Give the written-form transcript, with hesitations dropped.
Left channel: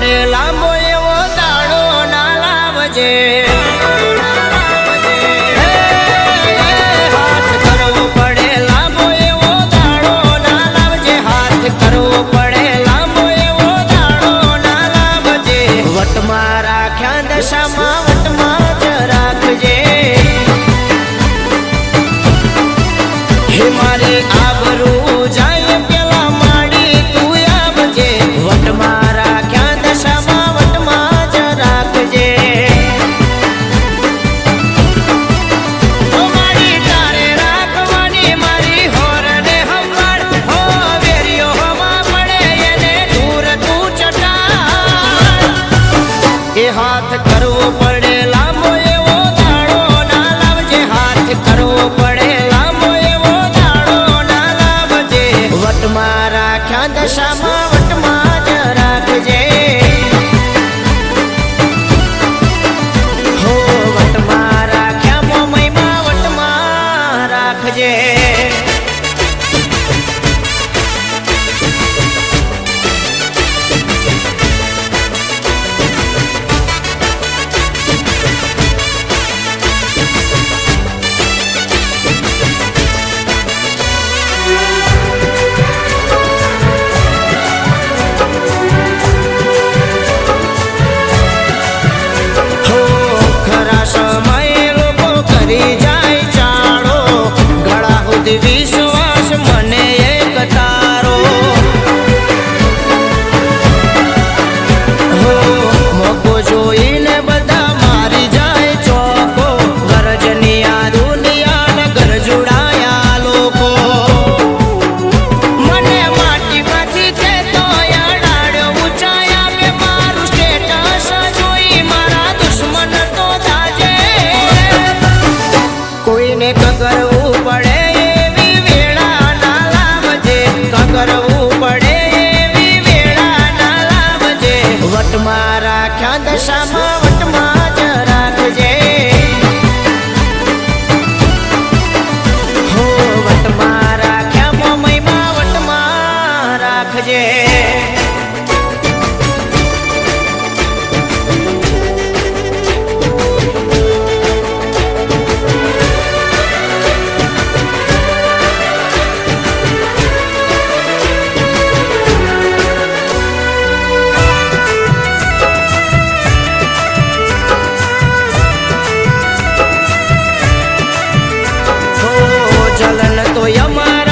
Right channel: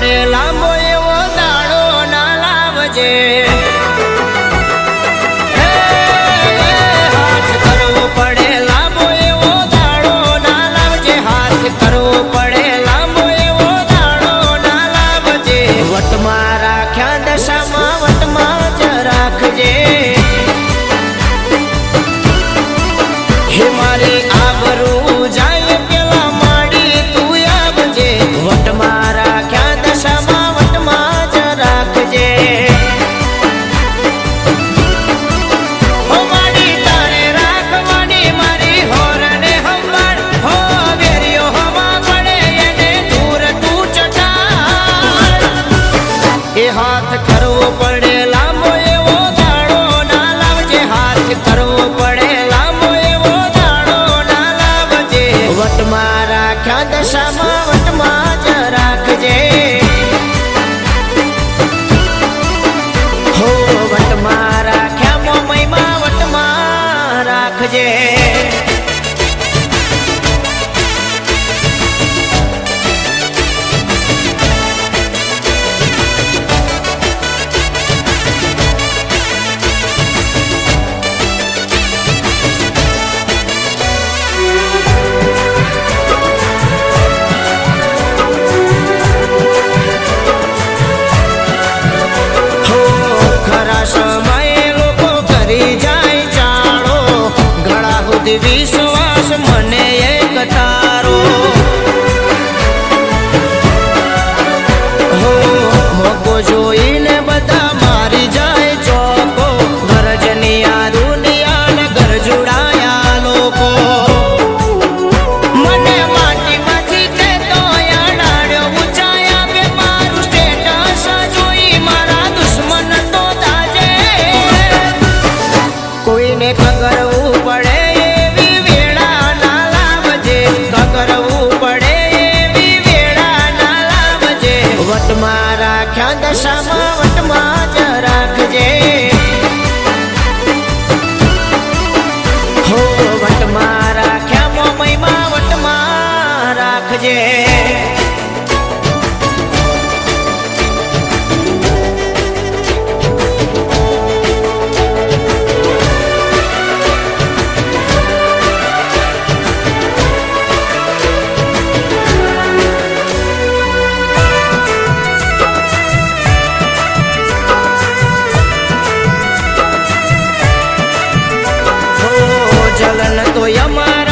પડે લાંબો એવો દાડો ના લાવજે, હાથ કરવો પડે લાંબો એવો દાડો ના લાવજે, હાથ કરવો પડે લાંબો એવો દાડો ના લાવજે, વટમાં રાખ્યા દશામાં વટમાં જ રાખજે, હે મારી આબરૂ જાય પેલા માડી તું આવજે, વટમાં રાખ્યા દશામાં વટમાં જ રાખજે, હાથ કરવો પડે લાંબો એવો દાડો ના લાવજે, હાથ કરવો પડે લાંબો એવો દાડો ના લાવજે, વટમાં રાખ્યા દશામાં વટમાં જ રાખજે, હો વટમાં રાખ્યા મોમઈમાં વટમાં રાખજે. સમય લોકો કરી જાય ચાળો, ગળા સુધી વિશ્વાસ મને એક તારો, હો મોકો જોઈને બધા મારી જાય ચોકો, ગરજની આ દુનિયા ને ગરજુડાયા લોકો, કોઈને કગરવું પડે એવી વેળા ના લાવજે, કગરવું પડે એવી વેળા ના લાવજે, વટમાં રાખ્યા દશામાં વટમાં જ રાખજે, હો વટમાં રાખ્યા મોમઈમાં વટમાં રાખજે. જલન તો અમાર